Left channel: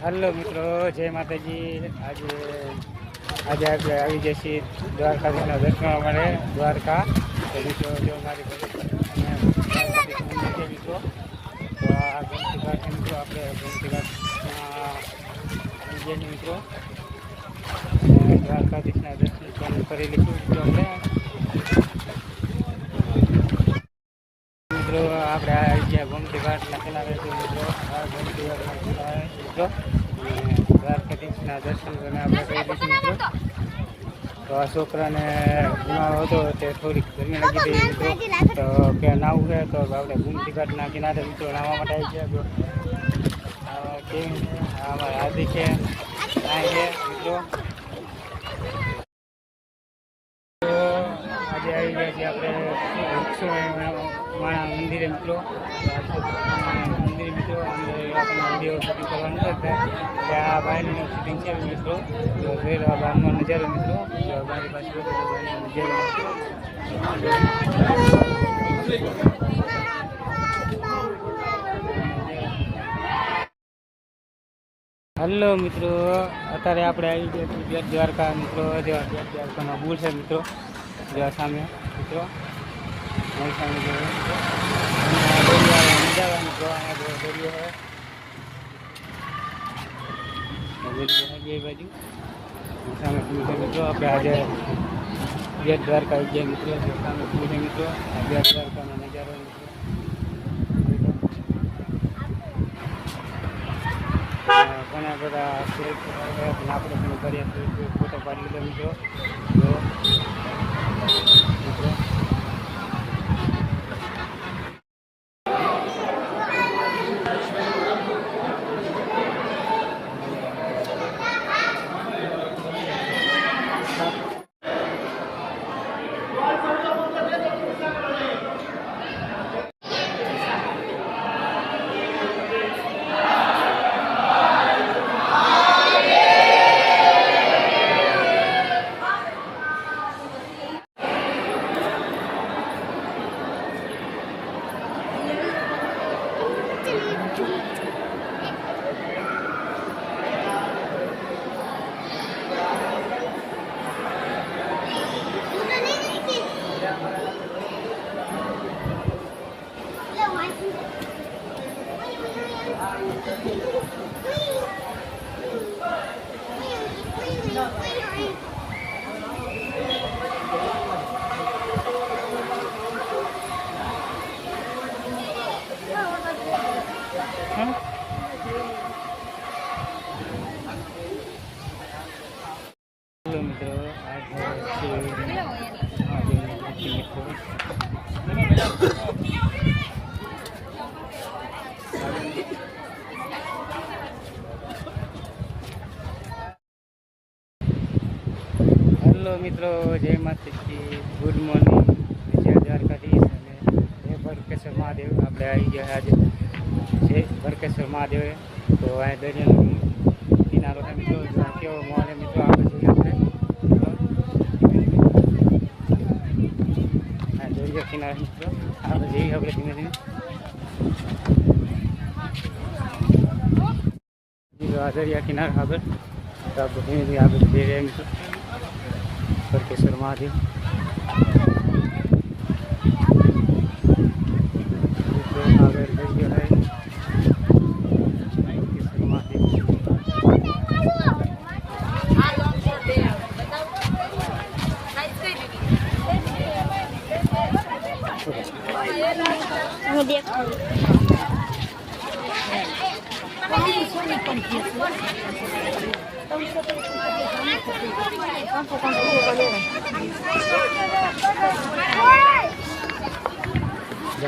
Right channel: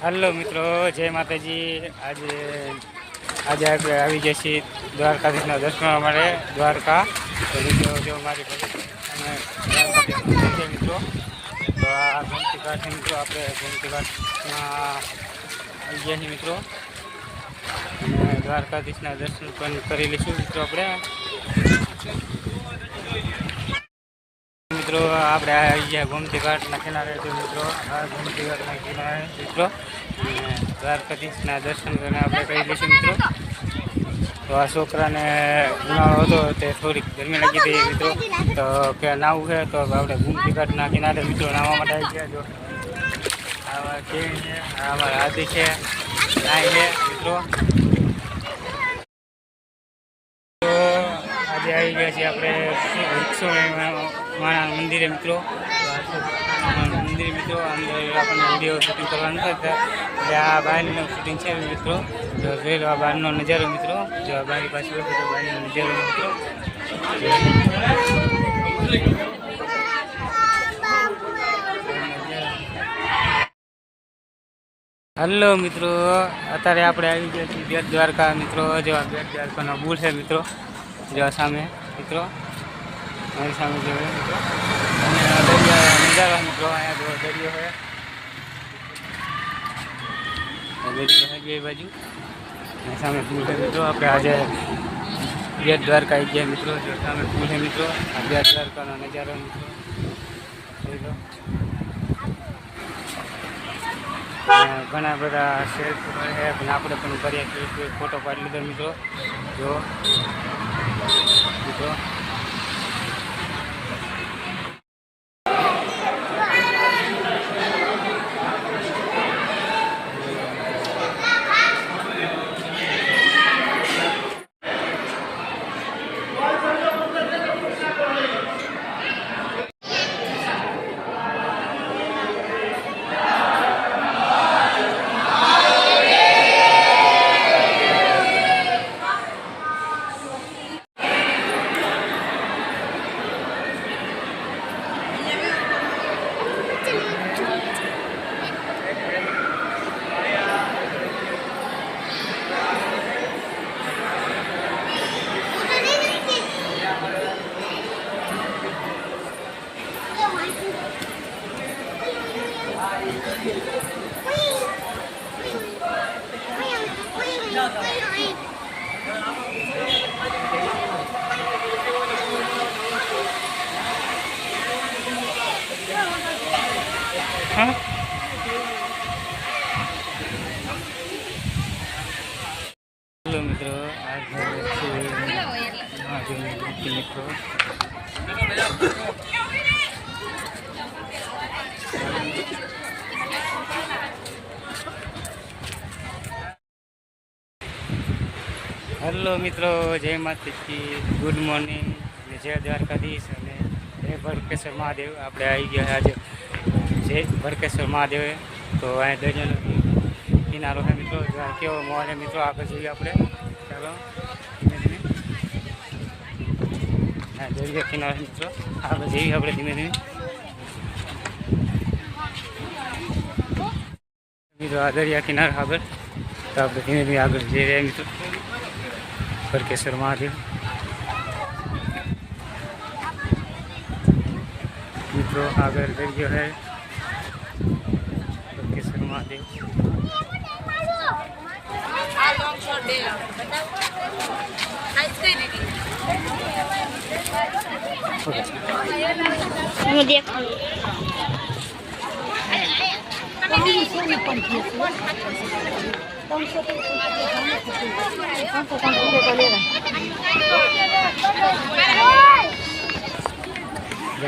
Hello મિત્રો, જય માતાજી। આજે આપણે આવી ગયા છીએ દ્વારકાધીશના દર્શન માટે દ્વારકા। તો મિત્રો જો મારી મિત્રો તો આ ગોમતી ઘાટ મિત્રો આપણે ગોમતી ઘાટમાં આવી ગયા છીએ મિત્રો। દ્વારકાધીશના દર્શન પણ કરી લઈશું મિત્રો આપણે। મિત્રો આપણે આવી ગયા ગોમતી ઘાટના કિનારે તો મિત્રો આ ગોમતી ઘાટના કિનારે મિત્રો દ્વારકાધીશના દર્શન કરીને આપણે કરી લઈશું મિત્રો। તો આ છોકરાને ઉનાળો હતો તે થોડીક ગરમી લાગી હતી મિત્રો, તો કે નાવું છે તો આપણે ગોમતી ઘાટના કિનારે મિત્રો નાહવા માટે આવી ગયા। જો આવા કેવી છે, અમારા આદિ છે, નાય છે મિત્રો। આજે આવી ગયા છીએ આપણે વૃક્ષો મંદિરે મિત્રો। મંદિર મિત્રો અંદર આપણને વિડીયો શૂટિંગ કરવાનું નથી એટલે આ બહારનું શૂટિંગ છે મિત્રો। જો જોઈ લો આ બહારનો નજારો મિત્રો, જો બારી પાસે તો બહારનો નજારો મિત્રો। હલો મિત્રો, અત્યારે આપણે આવી ગયા છીએ બેટ દ્વારકા મિત્રો। જો આ બેટ દ્વારકાનો પુલ છે મિત્રો, જો સામે મિત્રો અમારી સામે જોયો મિત્રો। અને નજારો મિત્રો, અહીંયા જો દરિયો છે, દરિયો છે બે બાજુ, સામે પુલ છે મિત્રો। આપણે આજે બેટ દ્વારકા આવી ગયા મિત્રો, જો સામે પુલ છે મિત્રો, આ બેટ દ્વારકાનો નજારો મિત્રો ઘણા બધા સેલ્ફી છે, પણ આપણે પણ કરીએ ફોટો પાડી લીધો મિત્રો। જો મિત્રો હેલો મિત્રો, આ મિત્રો હેલો મિત્રો, જય માતાજી, ગુડ મોર્નિંગ, જય દ્વારકાધીશ અને જય ભડકેશ્વર મહાદેવ। આપણે આવી ગયા આજે જય ભડકેશ્વર મહાદેવ। તો અહીંયા દરિયાનો કિનારો છે મિત્રો, કેવો મોલ છે મિત્રો, આગળ જોઈએ આપણે। ચલો હા દરિયા કિનારો મિત્રો, આગળ જઈએ આપણે ધીમે ધીમે મિત્રો। આ દરિયા કિનારો આગળ, તો આપણે ધીમે ધીમે આગળ જઈ રહ્યા મિત્રો। ભડકેશ્વર મહાદેવ મિત્રો, આગળ દરિયો है ભડકેશ્વર મહાદેવ।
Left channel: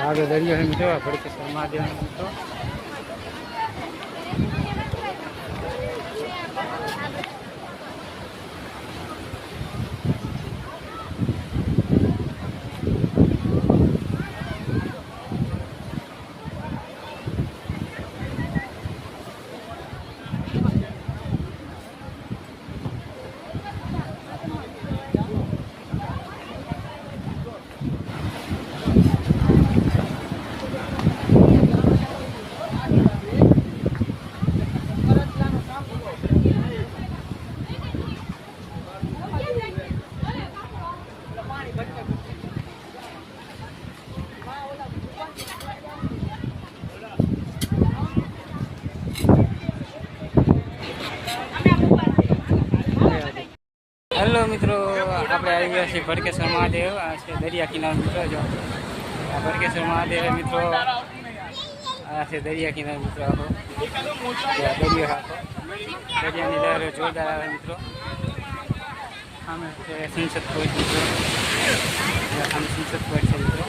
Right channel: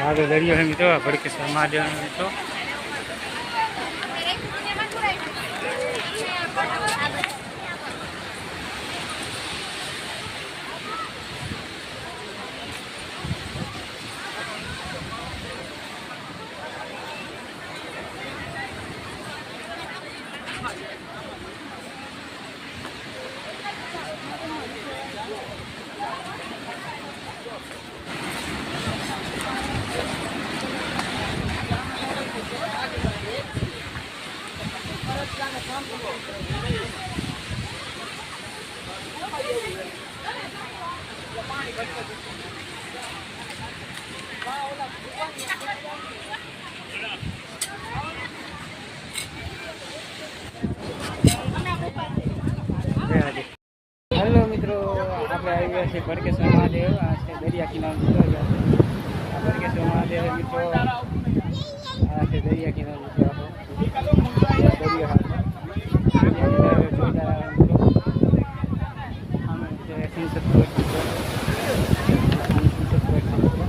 આગળ દરિયો है મિત્રો, ભડકેશ્વર મહાદેવ મિત્રો। આવી ગયા છે ભડકેશ્વર મહાદેવ. આ છે દરિયા કિનારો મિત્રો. જો આ ભડકેશ્વર મહાદેવ મિત્રો. આ છે દરિયા કિનારો મિત્રો. આખો દરિયો આખો દરિયાની લહેર જોરદાર આવે મિત્રો. આમે છે સંસદ પોઈન્ટ મિત્રો. આમ સંસદ પોઈન્ટ છે મિત્રો.